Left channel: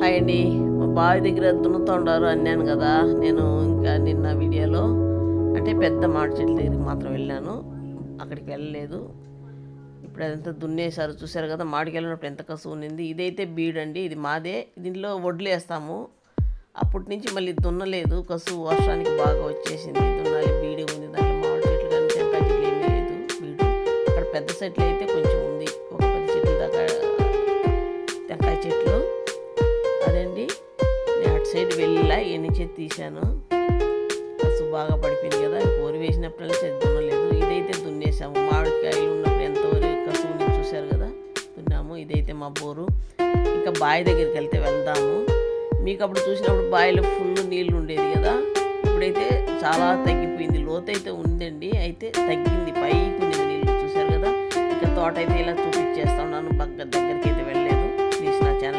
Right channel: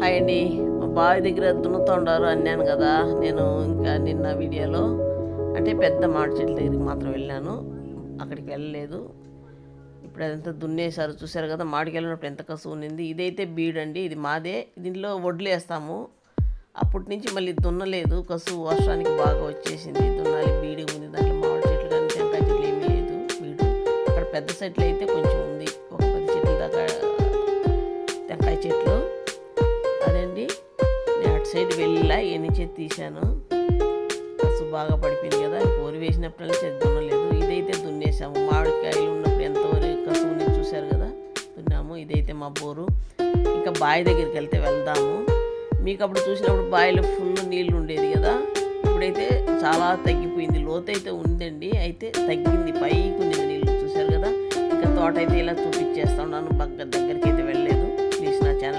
Hi అండి. మా బావి దగ్గర దున్నుతుండారు అన్నాను కదా. నేను ఇంకా నిన్న వీడియోలో అంటే పెద్ద మామిడి చెట్ల దగ్గరికి మాత్రం వెళ్ళాను, అక్కడికి వెళ్ళలేదు. ఇప్పుడు అదంతా దున్నేశారు, చూశారు కదా. మామిడికి వెళ్ళినప్పుడు ఎంత కసువు ఉన్నింది. ఇదైతే బీడండి, ఇది మాదే. దీంట్లో వడ్లు వేస్తాము. అప్పటి నుంచి మళ్ళీ దున్నలేదు, కసువు వర్షానికి బాగా వచ్చేసింది. దున్నాలి, బీడి ఉంది దాంట్లో. మామిడి చెట్లు కానీ టెంకాయ చెట్లు ఏమీ లేదు, బీడు. అక్కడ పెద్ద చెట్లు అయితే కొంచెం ఉంది, ఒక 10 చెట్ల దాకా టెంకాయ చెట్లు. అదండి, నేను అటు సైడ్ వెళ్ళా, ఈ నుంచే తీశాను. కసువు బాగా పడిపోయింది కదా. వరి వేసినప్పుడల్లా సరి దున్నలేదు. ఇదైతే దున్నేసాము. మామిడికాయలు ఉన్నప్పుడు ఎంతవరకు కసువుని చూశారు కదా, దున్నాము. ఇదైతే మా బోరు. ఇంకా బావి దగ్గరికి వెళ్తే వెళ్దాము. మీకు అప్పుడు చూసినప్పుడు బావిలో ఫుల్ నీళ్ళు ఉండేది కదా, ఇప్పుడైతే చాలా తగ్గిపోయింది. లోతు అయితే ఉందండి, అయితే తగ్గింది, పైకి ఉన్నది నీళ్ళు, చూశారు కదా. ఇంకా తోట అయితే ఇలా చూపించేస్తా ఉన్నాను, దగ్గరికి అయితే వెళ్ళలేదు. ప్లీజ్ నా ఛానల్